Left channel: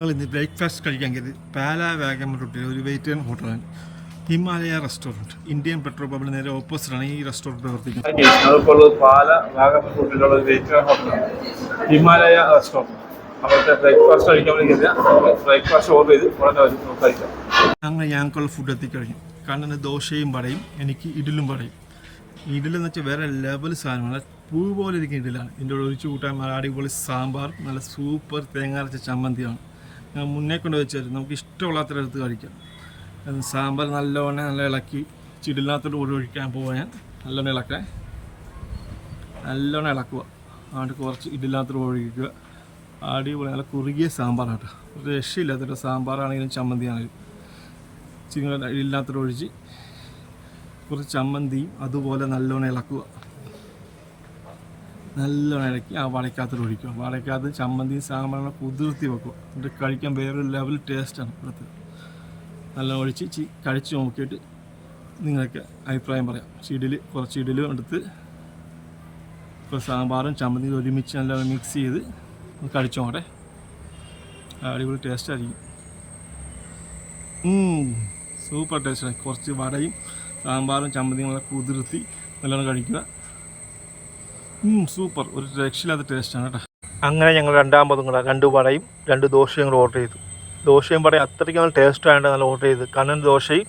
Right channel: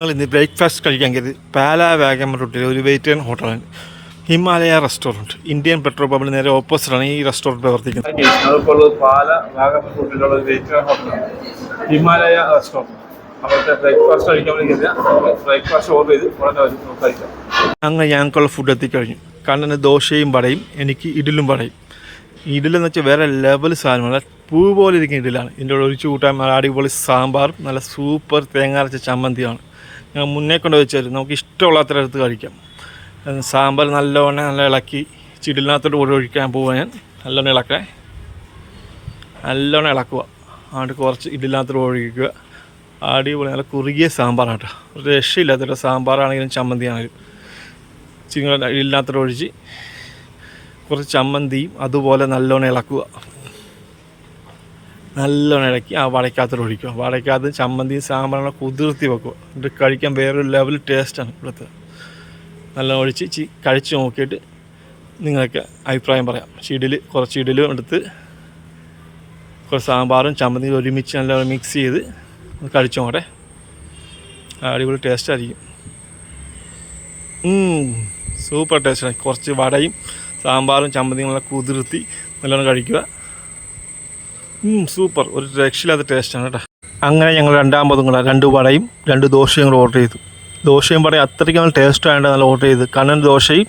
ഞങ്ങൾ ഇന്ന് ബ്രേക്ക്ഫാസ്റ്റ് കഴിക്കാൻ കരുതി പാല വാഗമൺ റൂട്ടിലെ ഒരു വെയിറ്റേൺ ഹോട്ടലാണ് ഹിമാലയ റെസ്റ്റോറന്റ്. ഇന്ത്യൻ പെട്രോൾ പമ്പിന് നേരെ ഓപ്പോസിറ്റാണ് ഈ റെസ്റ്റോറന്റ് പ്രവർത്തിക്കുന്നത്. അതിപ്പോൾ ഉള്ളത് പാല വാഗമൺ റൂട്ടിലുള്ള ഒരു വെയിറ്റ് ഹോട്ടലാണ് ഹിമാലയ റെസ്റ്റോറന്റ്. അവിടുത്തെ ബ്രേക്ക്ഫാസ്റ്റ് കഴിക്കാൻ വേണ്ടി ബ്രേക്ക്ഫാസ്റ്റ് ഓർഡർ ചെയ്ത് ഉടനെ വരും നമുക്ക് കഴിക്കാം. അങ്ങനെ ഞങ്ങൾക്കുള്ള ഫുഡ് എത്തിക്കഴിഞ്ഞു. കണ്ണന് ദോശയും വടയും എനിക്ക് ഇഡലും വടയും. ഇഡലെന്ന് വെച്ചാൽ വേറെ ലെവൽ സാധനമാണ് പൂ പോലെ ഇരിക്കുന്ന ഇഡലാണ് ഇതിന്റെ ഒഴിച്ചു ഒഴിച്ച് കൂട്ടാൻ നല്ല അടിപൊളി സാമ്പാർ നല്ല സൂപ്പർ തേങ്ങാറച്ച ചമ്മന്തിയാണ് മുന്നേ കൊണ്ട് വെച്ചാൽ നമുക്ക് ഇഷ്ടമുള്ള അത്ര എടുത്ത് കഴിക്കാം. സാമ്പാർ നല്ലവണ്ണം നല്ല ഇളക്കി ചിടിലിനകത്തോട്ട് കൂടെ ഒഴിക്കാൻ പോവാൻ ഞാൻ. നല്ലോണം നല്ലവണ്ണം ഇളക്കുക. ആണ്ട് കുറച്ച് ഇഡലിനകത്തോട്ട് ഒഴിക്കുക. അടിപൊളി നല്ല കുറുകിയ സാമ്പാറാണ് കേട്ടോ ഒരു രക്ഷയില്ലാത്ത സാമ്പാറാണെങ്കിലും ചമ്മന്തിയാണെങ്കിലും. ചിങ്ങ ഇല്ലാത്തോട്ട് ഒഴിച്ച് കുറച്ച് ചമ്മന്തിയും അതുപോലെ നല്ലോണം ഇളക്കുക. നല്ലോണം ഇളക്കി ആ വടയ്ക്കകത്തോട് ഒഴിക്കുക വടയ്ക്കകത്ത് ചമ്മന്തി സാമ്പാറിനെ കുതിർത്തി വെക്കുക എന്നിട്ട് കഴിക്കാൻ വേറൊരു ലെവൽ ടേസ്റ്റാണ് ഇവിടുത്തെ. നല്ലോണം ഒഴിച്ച് ചി കഴിച്ച് നോക്കിയിട്ട് നിങ്ങൾക്ക് അഭിപ്രായം പറയാം. ചിടിൽ കുറച്ച് ഇഡലും എടുത്ത് കുറച്ച് സാമ്പാറും ചമ്മന്തിയും ഒരുമിച്ച് നല്ല മിക്സ് ചെയ്ത് കഴിച്ചു നോക്കട്ടെ. അടിപൊളി ടേസ്റ്റ് ആയിരിക്കും. സൂപ്പർ ടേസ്റ്റാണ് കുറച്ച് വടയും സാമ്പാറും ചമ്മന്തിയും നല്ല കുതിർത്തി നല്ലോണം കഴിക്കുക. സൂപ്പർ ഒരു രക്ഷയില്ലാത്ത ടേസ്റ്റാണ് കേട്ടോ. അങ്ങനെ ഞങ്ങൾ രണ്ടാമതും കൂടെ രണ്ട് വടയും രണ്ട് ദോശയും കൂടെ ഓർഡർ ചെയ്തു. ദോശയും വടയും അത്രയ്ക്ക് നല്ല ടേസ്റ്റ് ആയതുകൊണ്ട് നല്ല ഓർഡർ ചെയ്ത് കണ്ണൻ ദോശയും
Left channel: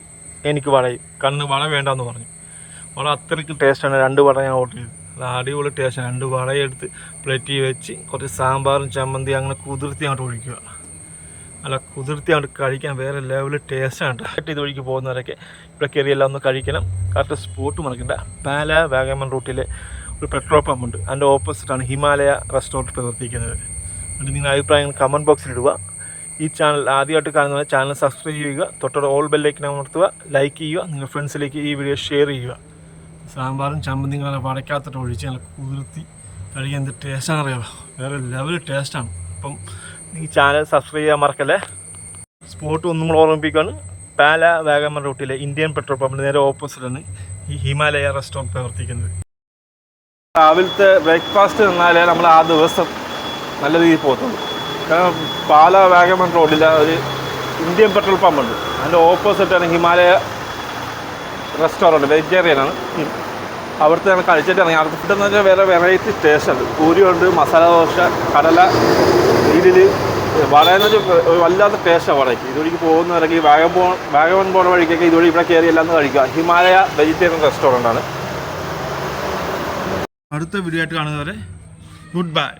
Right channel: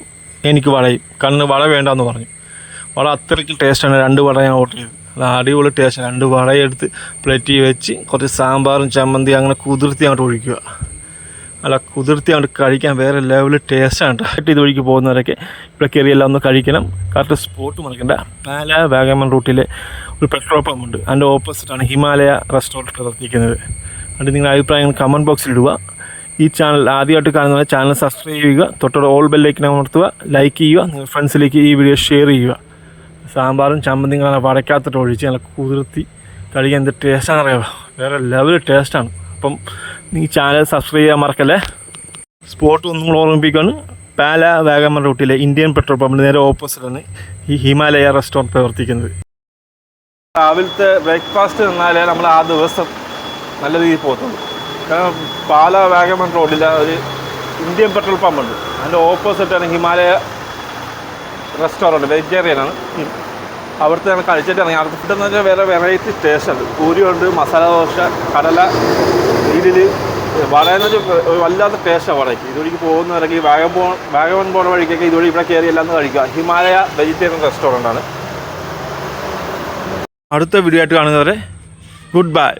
എനിക്ക് വടയും. കണ്ണിന് വട വേണ്ടെന്ന് പറഞ്ഞു. വട അത്രയ്ക്ക് ടേസ്റ്റാണ് രണ്ട് വട ഞാൻ ഓർഡർ ചെയ്തു. അടിപൊളി ടേസ്റ്റ് രണ്ട് വടയെടുത്ത് പ്ലേറ്റിൽ വെച്ച് കുറച്ച് സാമ്പാറും ചമ്മന്തി അങ്ങനെ കുതിർത്തി അങ്ങോട്ട് ഒഴിക്കുക. അല്ല കുതിർത്തി അങ്ങോട്ട് കഴിക്കാൻ വേറെ ലെവൽ ടേസ്റ്റാണ് കേട്ടോ ഇത് വഴിക്ക് പോകുന്നവരൊക്കെ ഇവിടെ കയറിയെല്ലാം ഒന്ന് കഴിക്കണം. കറക്റ്റ് സ്പോട്ട് മറക്കണ്ട. പാല വാഗമൺ റൂട്ടിലെ ഒരു പെട്രോൾ പമ്പ് ഉണ്ട്. അതിന്റെ ഓപ്പോസിറ്റാണ് ഹിമാലയ റെസ്റ്റോറന്റ് പ്രവർത്തിക്കുന്നത്. അതുകൊണ്ട് നിങ്ങളുടെ അഭിപ്രായങ്ങൾ കമന്റ് ബോക്സിൽ ഇടുക. ഈ ചാനൽ ആദ്യമായിട്ട് കാണുന്ന ചാനൽ സബ്സ്ക്രൈബ് ചെയ്യുക. തൊട്ടോടെ ഓൾ ബെല്ലേക്ക് അമർത്തുക. ലൈക്ക് ചെയ്യുക. നിങ്ങളുടെ ഫ്രണ്ട്സിലേക്ക് ഈ വീഡിയോ ഷെയർ ചെയ്യുക. സാമ്പാറും ചമ്മന്തിയും കാണാൻ വടക്കാത്തിട്ട് ഒഴിച്ച് നല്ല കുതിർത്തി കഴിക്കാൻ എന്ത് ടേസ്റ്റാണ് അറിയാമോ വേറെ ലെവൽ ടേസ്റ്റാണ് അപ്പം നീ ചാനൽ സബ്സ്ക്രൈബ് ചെയ്യാൻ മറക്കല്ലേ? സ്പോട്ട് ഒന്നും കൂടെ ഓർമ്മിപ്പിക്കുകയാണ് പാല വാഗമൺ റൂട്ടിലെ ഇന്ത്യൻ പെട്രോൾ പമ്പിന് നേരെ ഓപ്പോസിറ്റാണ് ഈ ഹിമാലയ റെസ്റ്റോറന്റ് പ്രവർത്തിക്കുന്നത്. രാവിലത്തെ ബ്രേക്ക്ഫാസ്റ്റ് നിന്നാലേ നമ്മൾ ആ ദിവസം നല്ല രീതിയിൽ പോകത്തുള്ളൂ. കാരണം പാല വാഗമൺ റോഡിൽ ഒരു ഇന്ത്യൻ പെട്രോൾ പമ്പുണ്ട് അതിന്റെ ഓപ്പോസിറ്റാണ് ഹിമാലയ റെസ്റ്റോറന്റ് വെജിറ്റേറിയനാണ് അവിടുത്തെ ഞങ്ങൾ കഴിച്ചിട്ട് ഇറങ്ങി. അവിടുത്തെ ഫുഡ് എന്ന് വെച്ചാൽ വേറെ വെറൈറ്റി ടേസ്റ്റ് ഉണ്ട്. പൂരിയുണ്ട് മസാല ദോശ കടല ഇതിൽ വടയെന്ന് വെച്ചാൽ വല്ലാത്ത ടേസ്റ്റാണ് വടയ്ക്ക് ഇതുവഴിക്ക് പോകുന്നവരൊക്കെ ഈ വാഗമൺ വാഗമൺ പോണ വഴിക്കൊക്കെ ഇതുവഴി ഇവിടെ കയറി എല്ലാം കഴിക്കുക. ഹിമാലയ വെജിറ്റേറിയൻ റെസ്റ്റോറന്റ് ആണ്. അടുത്ത വീഡിയോ ആയിട്ട് കാണുന്നവരെ ഗുഡ് ബൈ